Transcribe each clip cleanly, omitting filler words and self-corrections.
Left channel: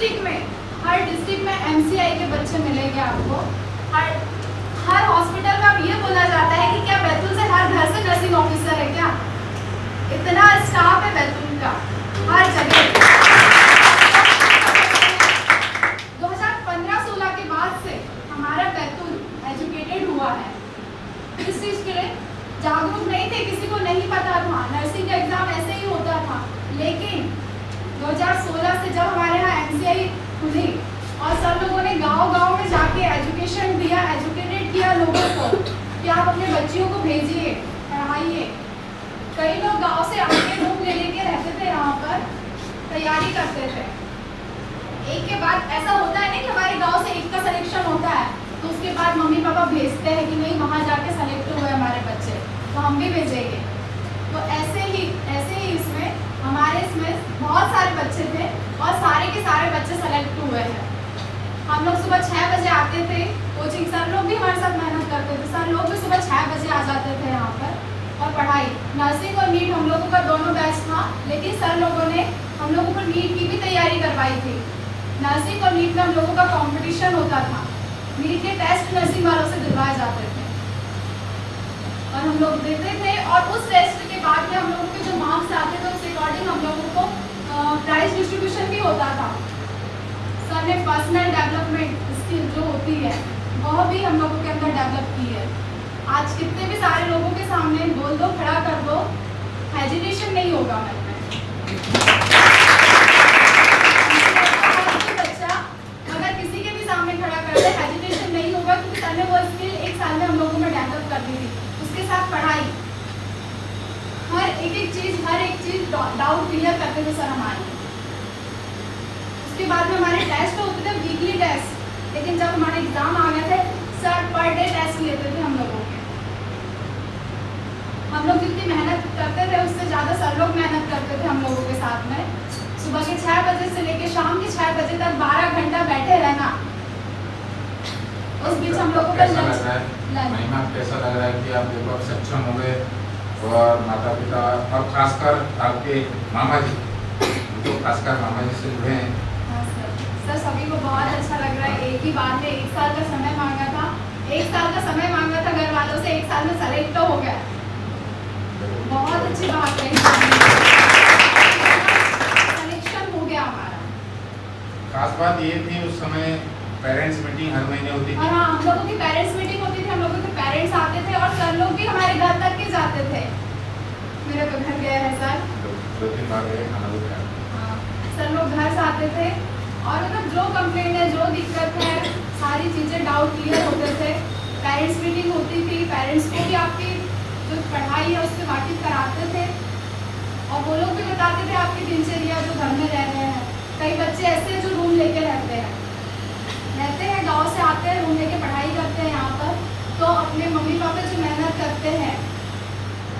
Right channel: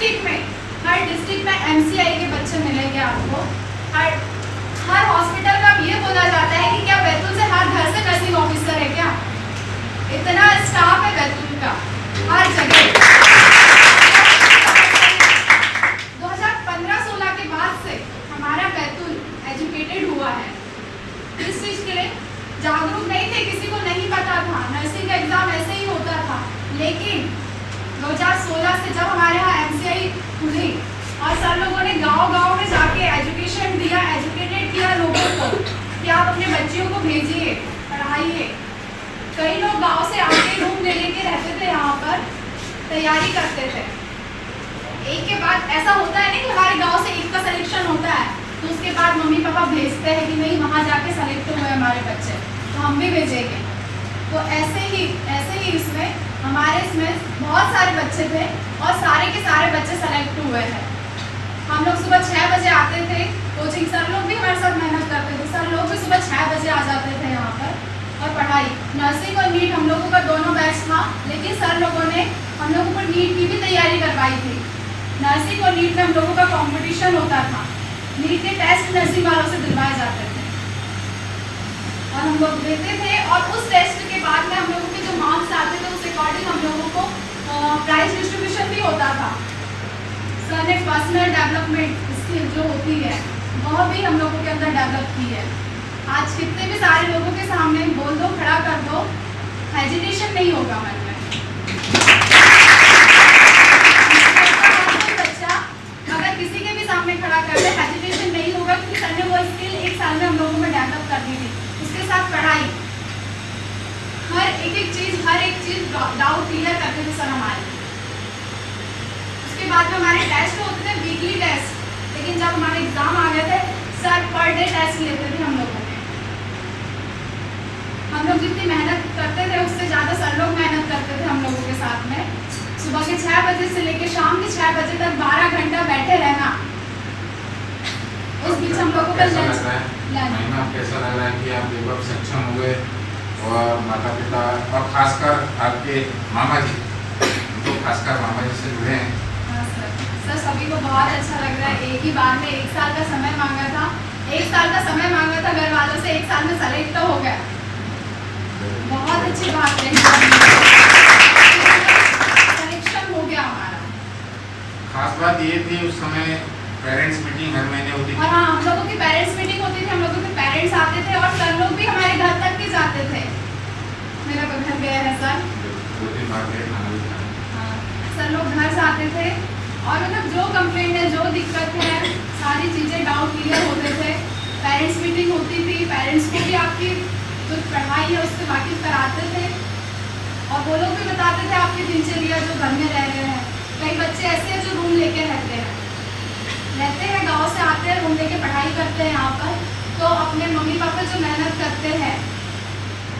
हर district में MCI के बच्चे मिलेंगे आपको। हर हॉस्पिटल में अब ये बोला जाता है कि क्या बैतूल से हर घर से नर्सिंग ऑफिसर है क्या? इतना स्टाफ है बैतूल का हर जगह। 2015-16 के बाद से हमारा बैतूल एजुकेटेड हुआ है। इस चीज़ के लिए जागरूक नहीं थे, किसी को नहीं पता था, नर्सिंग का एग्ज़ाम ऐसे ही होता था। लेकिन 2016 से जब हमारे यहाँ MCI खुली और सर लोगों ने गांव-गांव में जाके एजुकेशन दिया, एजुकेटेड किया लोगों को कि आप अपने बच्चियों को भेजिए, पढ़ाइए। कई लोग गांव से आके रूम ले लेके रहते थे, यहाँ पर तैयारी करते थे। एक के बाद ऐसा होता है नहीं कि हमारे गाँव से एक का सिलेक्शन होता है तो उसके बाद मम्मी पापा भेजते हैं कि नहीं वहाँ जाके सेलेक्ट हुए हमारे बच्चे तो हम भी भेजेंगे। तो ऐसे ही इसमें बहुत सारे बच्चे थे और सारे के सारे बच्चे सेलेक्ट हुए हैं। हम लोग सुबह 6 बजे आते थे कोचिंग, सर लोग भी हमारे साथ मेहनत करते थे, सर लोग भी सुबह 6 बजे आ जाते थे यहाँ पर। और पढ़ाई नर्सिंग और नीट हम लोगों का दोनों बैच था, लेकिन सर लोगों ने हम लोगों को नीट की भी तैयारी करवाई थी। नर्सिंग और नीट में हम लोगों का कॉम्पिटिशन होता था, नीट के टेस्ट नर्सिंग वालों से दिलवाए जाते थे और हम लोग देते थे। और उस टेस्ट के बाद में हम लोगों के जो मार्क्स आते थे उस अकॉर्डिंग हम लोगों को प्राइज डिस्ट्रीब्यूशन भी होता था। सर ने पर्सनल डेवलपमेंट स्किल जो होती है वह भी हम लोगों के अंदर डेवलप की है। आज कितने भी सारे लोगों के सामने बोल दो, खड़ा कर दो, हेजिटेशन नहीं होगा मन में। बच्चा अगर किसी के भी सामने खड़ा कर दे हेजिटेशन नहीं होगा, क्योंकि सर ने वो स्किल 1 साल में हम लोगों में डेवलप कर दी थी। उसके साथ पढ़ाई, हर एक चीज डाउट क्लियर करते थे सर हमारे। उसके बाद में हमारे टेस्ट होते थे, वीकली टेस्ट, लेकिन जब हमारे एग्जाम आ गए थे सर पर डे टेस्ट लेते थे हम लोगों के। हम लोग जितनी मेहनत करते थे उससे ज़्यादा सर लोग मेहनत करते थे हम लोगों के साथ में। सुबह के 6 बजे से लेकर शाम के 6 बजे तक 12 घंटा बैठे रहना। उस बीच हम लोगों का कैसा लग रहा है कि आप जब सक्षम हो गए और माता पिता और खासकर आपके मामा जी, तो खासकर मामा जी से जुड़े हैं? हाँ सर, सभी को बहुत अच्छा लग रहा है। एक ही बार में 1 साल का समय मांगा था, 1 साल का समय मांगा था घर वालों से, 1 साल में सेलेक्ट तो हो गया। बहुत अच्छी बात है, सिलेक्शन हो गया हमारा। खास बात ये थी उस समय पेरेंट्स मीटिंग हर महीने होती थी। और हाँ, हम लोगों की पेरेंट्स मीटिंग होती थी, हम लोगों के पेरेंट्स आते थे और सर लोग भी हमारे घर तक भी जाते थे। मेरा तो घर गया है सर, 2-3 बार गए, खाना भी खाया। हाँ, सर लोग घर से आते थे और मतलब जो कंप्लेंट है, जो दिक्कत है, सारी चीज़ें डाउट क्लियर होते थे। पेरेंट्स मीटिंग होती थी, पेरेंट्स को भी आपकी जो पढ़ाई है उससे वाकिफ कराते थे और वो लोग भी बताते थे आपकी दिनचर्या जो घर में रह रहे हैं। कई बच्चे ऐसे हैं जो रूम लेके रहते हैं, गांव से आते हैं, रूम लेके पढ़ाई करते हैं यहाँ पर, तो अपने मम्मी पापा जो मेहनत करते हैं,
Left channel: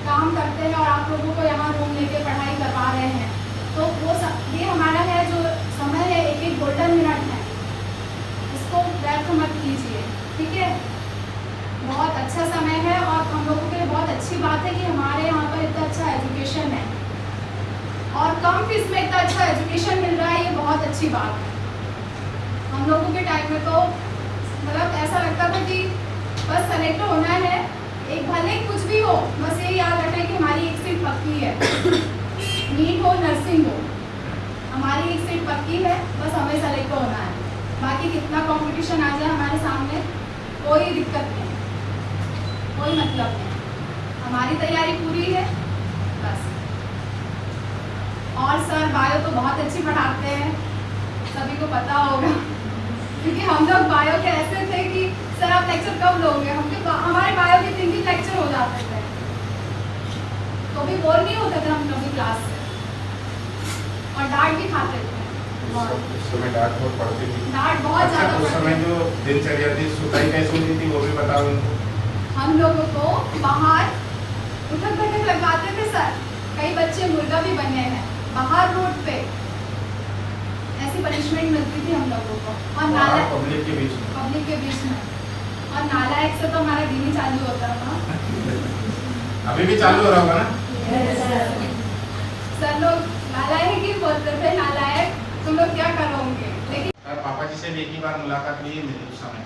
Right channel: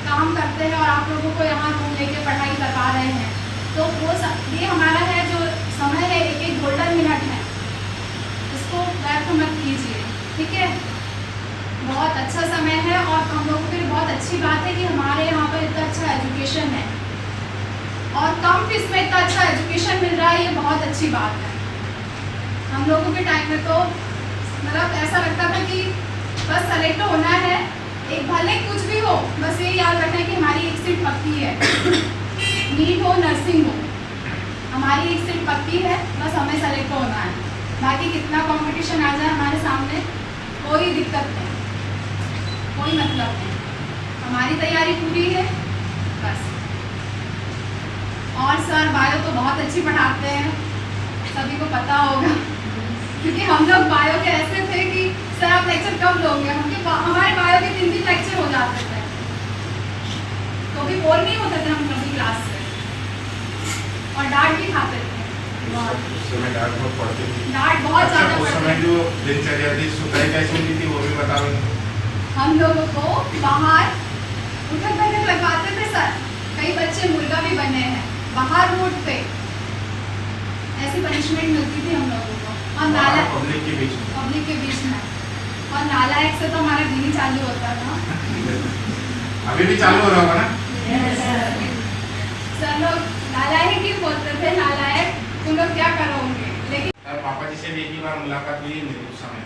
काम करते हैं और आप लोगों को यहाँ रूम लेके पढ़ाई करवा रहे हैं, तो वो ये हमारा है जो समय है, एक गोल्डन मिनट है, इसको व्यर्थ मत कीजिए, ठीक है। बहुत अच्छा समय है और हम लोगों के लिए बहुत अच्छी बात है कि हमारे यहाँ पर इतना अच्छा एजुकेशन है और कम फीस में इतना अच्छा एजुकेशन मिल रहा है, ये बहुत अच्छी बात है। हम लोगों के टाइम में तो मतलब ऐसा लगता था कि बस सेलेक्ट होना है, एक भले कुछ भी हो, बस ये याद रखना है कि हमारी एक सीट पक्की है, नीट हो नर्सिंग हो, हमारी एक सीट पक्की है, बस हमें सेलेक्ट होना है। बाकी कितना कंपटीशन आ जाए हमारे सामने कोई दिक्कत नहीं, कोई मतलब नहीं, हमारी तैयारी पूरी है बस। और सर बायो तो बहुत अच्छी पढ़ाते हैं, सभी को पता होगा, क्योंकि हम लोग बायो के ऐसे थे कि सर आप लेक्चर कब लोगे, हमारे बायो के 3 लेक्चर हो जाते थे, तो भी बोर नहीं होते थे हम कभी क्लास में और डांट भी खाते थे। उस समय डांट बहुत पड़ती थी, डांट बहुत ज़्यादा उस समय जो दिनचर्या थी सुताई कैसी होती थी वो भी बताओ। हम लोगों को बाहर उठक बैठक लगवाते थे सर, कई बच्चे मुर्गा भी बने हैं बाहर रोड पे, ऐसी पनिशमेंट मिलती थी हम लोगों को। और नाला पब्लिक के बीच में और नालायक से तो हमारा दिन ही चालू होता था। अभी भी चालू हो रहा होगा ना? सर लोग नालायक ही बोलते थे, नालायक तुम लोग क्या करोगे। लेकिन पापा जी से भी एक ही बार मुलाकात हुई मेरी उस समय।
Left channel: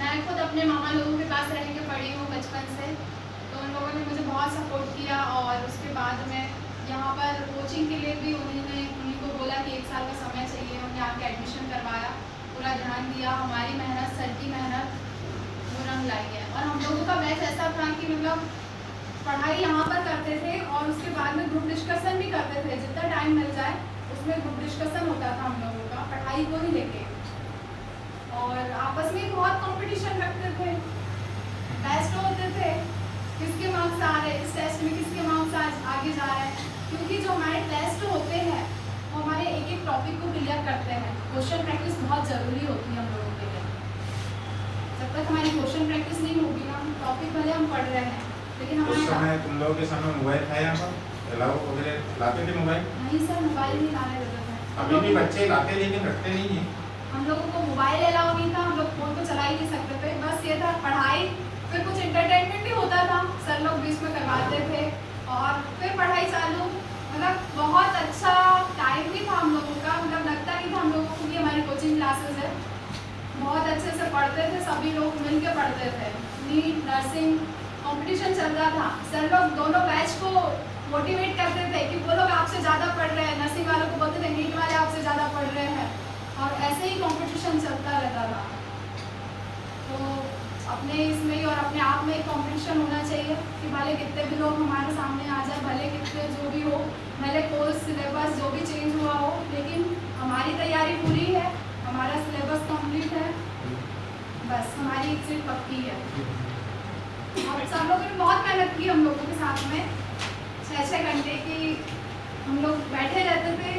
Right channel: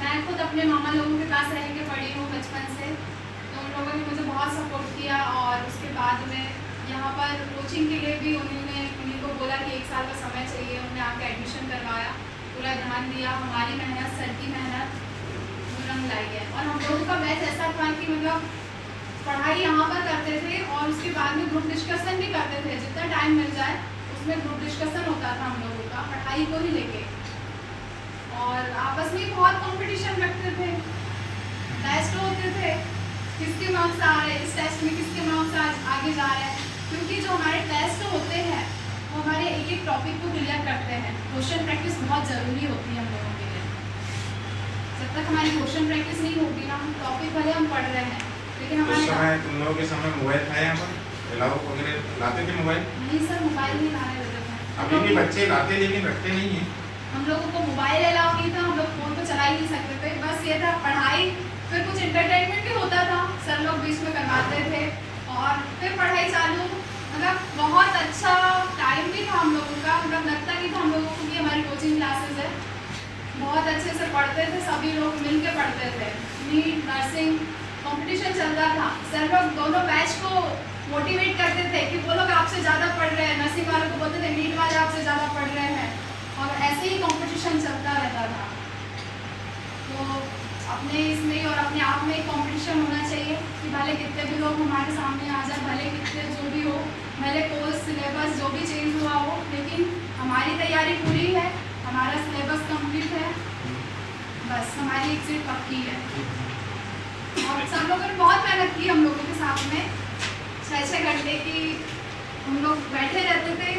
मैं खुद अपने मामा लोगों के पास रह के पढ़ी हूँ बचपन से, तो उन लोगों ने मुझे बहुत सपोर्ट किया। और उसके बाद में यहाँ पर कोचिंग के लिए भी उन्हीं को बोला कि 1 साल का समय चाहिए, उन्हें आके एडमिशन करवाया, पूरा ध्यान दिया, हमारी मेहनत, सर की मेहनत उन्होंने लाई है। और हम लोगों का बैच ऐसा था कि मतलब पढ़ाई यहाँ पर करते थे और उसके बाद में ग्रुप डिस्कशन भी करते थे, जितना टाइम मिल जाए उसमें ग्रुप डिस्कशन होता था हम लोगों का पढ़ाई को ही लेके। और आपस में बहुत कंपटीशन रखते थे, टेस्ट होते थे, किसके मार्क्स आ रहे हैं इस टेस्ट में, किसके मार्क्स आगे जा रहे हैं। क्योंकि जो हमारे टेस्ट होते हैं वो हमारे एक एक टॉपिक को क्लियर करते हैं। क्वेश्चन प्रैक्टिस बहुत ज़रूरी होती है हम लोगों के लिए। जब तक हमारी क्वेश्चन प्रैक्टिस नहीं होगी ना, हम टॉपिक भले हम पढ़ रहे हैं लेकिन उस हमारे समय तुम लोगों के समय मोबाइल था यहाँ पर, अलाउ वगैरह लाते थे मोबाइल? नहीं सर, मोबाइल नहीं लाने देते थे। अभी भी बच्चे लाते लेकिन रखते नहीं है। हम लोगों को मोबाइल अलाउ नहीं था, हम लोग फ़ोन तो चला ही नहीं सकते थे। बस ये था पढ़ाई, फिर कुछ एंटरटेनमेंट भी होता था, सर लोग बीच में करवाते थे और फिर पढ़ाई चालू। मतलब बहुत अच्छा टाइम भी था हम लोगों का, मतलब लगता नहीं था हम लोगों को कि हमारी कोचिंग क्लासेस है। बहुत अच्छे से पढ़ते थे, सभी लोग मिल के पढ़ते थे। नीट, नर्सिंग कंपटीशन चल रहा था, सर लोग दोनों बैच को मोटिवेट करते थे कि वो लोग आपसे ज़्यादा पढ़ रहे हैं, नर्सिंग वालों को बोलते थे नीट वाले आपसे ज़्यादा पढ़ रहे हैं, और ऐसे ही कंपटीशन चलता रहता था। तो अपने इसमें और अपने आप में कंपटीशन होना चाहिए कि भले कितने भी लोग हमारे सामने आ जाए, भले कितने जो भी हो, भले कोर्स सिलेबस जो भी चेंज हुआ हो, लेकिन हमारी तैयारी पूरी है, हमारा सिलेबस कंप्लीट है, बस हमारी एक सीट पक्की है। और सब लोगों ने बहुत मेहनत की हम लोगों के साथ में, 6-6 घंटे की हम लोग बैठे रहते थे।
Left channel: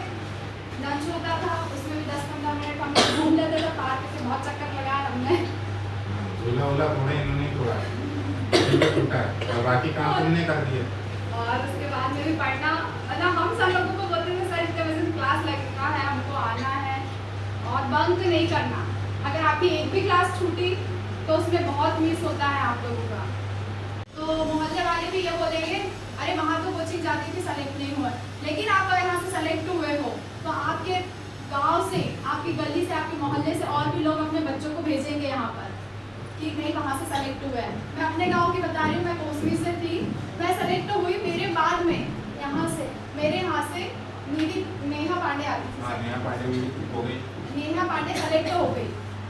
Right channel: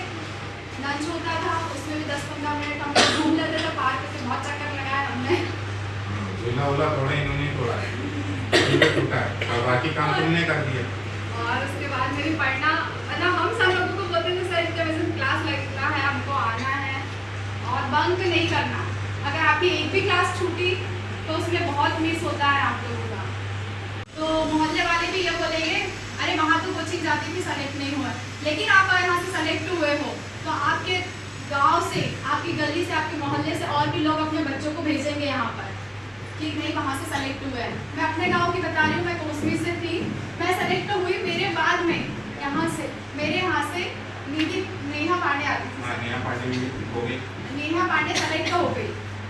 लंच होता था उसमें भी 10-15 मिनट हम लोग घूम लेते थे पार्क से, बहुत चक्कर लगाया हमने। झूला वूला थोड़ा इन्होंने तोड़ा है, टूटा है और बाकी काम तुमने कर दिए। और उसके बाद में भी पढ़ना, मतलब हम सब लोगों को बोलते थे सर इतने बजे क्लास लगता है, हमको आना है और बंक नहीं करना। अगर आपकी एक भी क्लास छूटी तो उसमें बहुत मिस होता है आप लोगों का। तो मोहल्ले वाले भी ये बोलेंगे अरे वहाँ तो कोचिंग जाती थी, सेलेक्ट नहीं हुआ। लेकिन आप यहाँ से सेलेक्ट हुए हो तो आपके गांव से, आपकी गली से, आपके मोहल्ले से और भी लोग अपने बच्चों को भेजेंगे यहाँ पर कि नहीं वहाँ से सेलेक्ट हुए हैं। मैं अपने गांव की बता रही हूँ, मैं कोसमी से थी, मैं सेलेक्ट हुई, मेरे बाद में मेरे यहाँ से नेहा पांडे आ गई। नेहा पांडे भी हो गई। नेहा पांडे सेलेक्ट हो गई,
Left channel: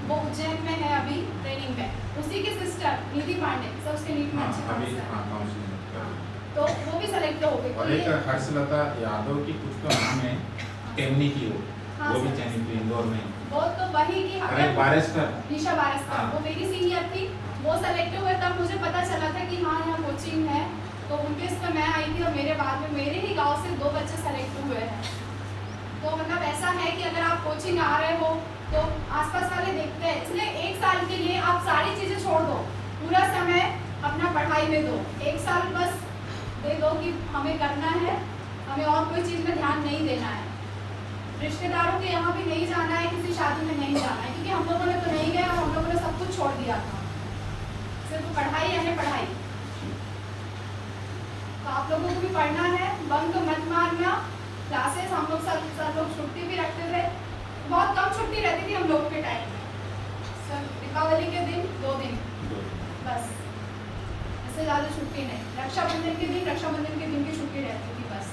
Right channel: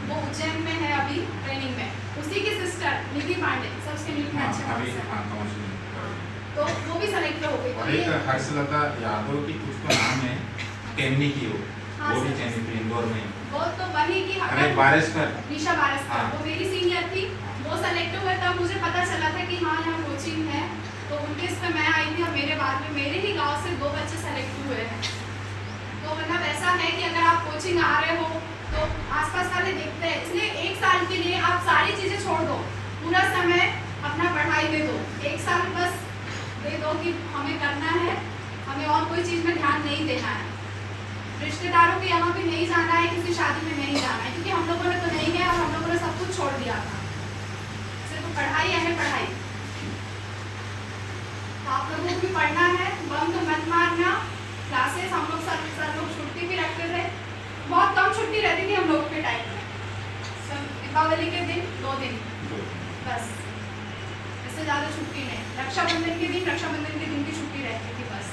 वो उज्जैन में है अभी ट्रेनिंग में। उसी की सिस्टर निधि पांडे, सबसे नीट में अच्छे अभी मार्क्स हैं। तो वो भी सेलेक्ट हो गई। और एक हर्षलता यादव की कुछ तो नाम है, टेमनी की हो, हाँ, वो भी सर। चयनित थी इंदौर में। वो तो वही की अरे बारिशकर, निशा बारिशकर, हाँ। वो मेरी सीनियर थी, वो सेलेक्ट हुए तब मुझे पता चला था कि हाँ यहाँ कोचिंग है, तो उनके इस पर मैं आई थी और मेरे बाद में मेरे ही गांव से 2 बच्चे सेलेक्ट हुए हैं। तो मतलब ऐसा है कि अगर आप कोचिंग आ रहे हो तो आसपास वाले देखते हैं, इसलिए 1 साल के लिए आप सारी चीज़ें छोड़ दो, पूरा समय अपना पढ़ाई में दो। 1 साल बस दे दो कि हमें करना है, हमें और कोई चीज़ में ध्यान नहीं देना है, रिश्तेदारों के यहाँ भी नहीं जाना है, किसी शादी में नहीं जाना है, क्योंकि हम लोगों ने तो नहीं गया और हम लोगों ने सब कुछ छोड़ दिया था, सिर्फ पढ़ाई है पढ़ाई। तो आप लोगों को भी पढ़ना है, बंक मत मारना। क्लासेस हम लोग सर लोग छुट्टी भी रखते थे, बहुत कम छुट्टी रहती थी हम लोग के टाइम में, दीपावली के दिन 2 दिन बस, इससे ज़्यादा छुट्टी नहीं। रक्षाबंधन के दिन की छुट्टी रहती थी बस।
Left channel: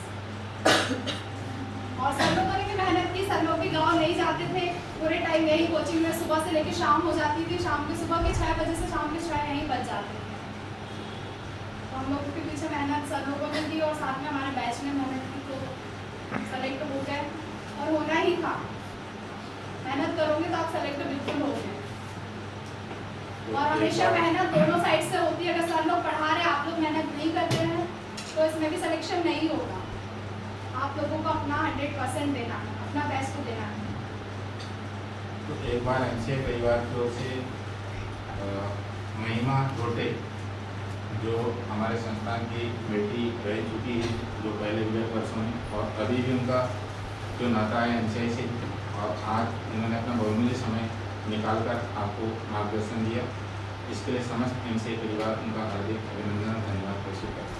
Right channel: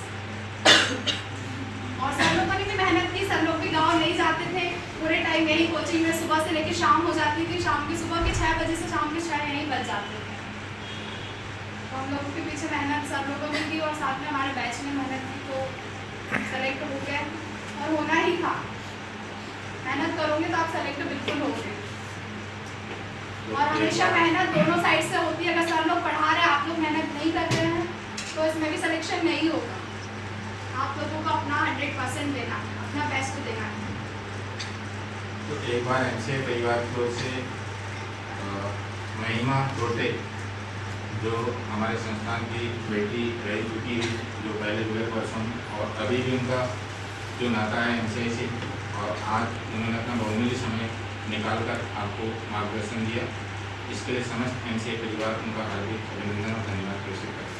और सर लोगों ने भी मेहनत की, सर लोग भी गांव नहीं जाते थे, पूरे टाइम यही कोचिंग में सुबह से लेकर शाम हो जाती थी, शाम के सुबह के 6 बजे से शाम के 6 यहीं बच जाते थे। तो हम लोगों के पीछे मेहनत सर लोगों ने की और साथ में हमारे बैच ने मेहनत की, तो सेलेक्ट हो गए और होना ही था। मेहनत करोगे तो आप सेलेक्ट बिल्कुल होगे। और हमेशा मेहनत दोनों साइड से होती है, अगर सर लोग पढ़ा रहे हैं, आप लोग मेहनत नहीं कर रहे हैं तो इसमें भी सिलेक्शन नहीं होगा। आप लोगों को अपना 100% देना है, अपना बेस्ट देना है। तो एक बार एमसीए परिवार की ओर से महिमा रोटे, जो हमारे संस्थान की बेटी रह चुकी है, जो पहले हुए वर्षों में, और अभी भी उनका जो नाता है एमसीए से, और आज उन्होंने अपना बहुमूल्य समय निकालकर आपको मार्गदर्शन दिया, इसके लिए समस्त एमसीए परिवार उनका हार्दिक अभिनंदन और धन्यवाद प्रेषित करता है।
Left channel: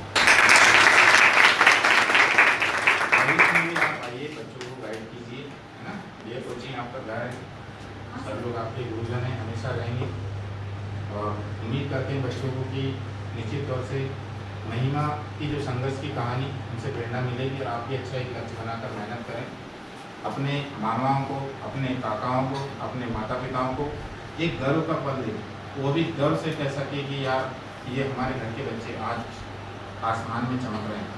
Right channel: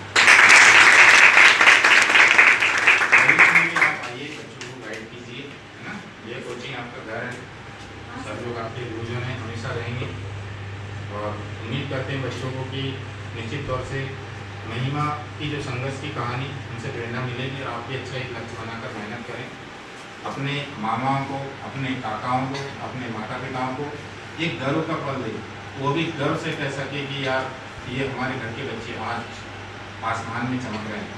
आप आइए, बच्चों को गाइड कीजिए, है ना। ये आपका घर है, सब लोग आपके गुरुजन हैं, हमेशा रहेंगे। और उम्मीद करते हैं बच्चों को कि निश्चित तौर से महिमा की जो संघर्ष की कहानी उनसे प्रेरणा मिलेगी और आप भी अच्छा एक लक्ष्य बनाकर मेहनत करें। अपने मामाओं को, अपने काकाओं को, अपने माता पिताओं को एक गर्व का पल दे, वो भी गर्व से कह सके कि यार ये हमारे घर के बच्चे आज आसमान में चमक रहे हैं।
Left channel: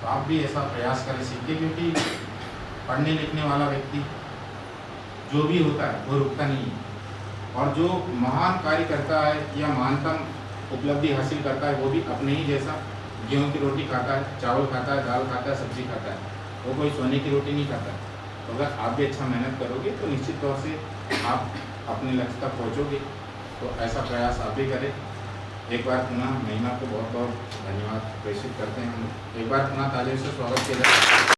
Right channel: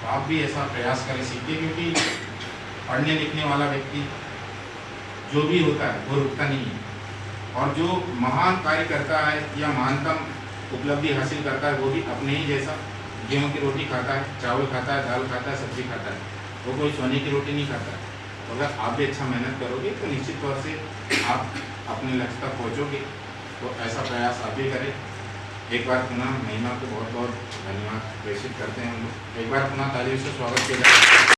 तो आप भी ऐसा प्रयास करें, सीखें, क्योंकि पढ़ने लिखने वाला व्यक्ति जो भी होता है वो रुकता नहीं है, और जो महान कार्य करता है या महानतम उपलब्धि हासिल करता है वो भी अपने ही जैसा गेहूं की रोटी खाता है, चावल खाता है, दाल खाता है, सब्जी खाता है, वो कोई सोने की रोटी नहीं खाता है। तो अगर आप भी अच्छा मेहनत करोगे तो निश्चित तौर से आप अपने लक्ष्य तक पहुँचोगे। तो ऐसा प्रयास आप भी करें। एक बार पुनः महिमा को बहुत बहुत धन्यवाद प्रेषित करते हैं हम। एक बार पुनः तालियों से स्वागत किया जाए।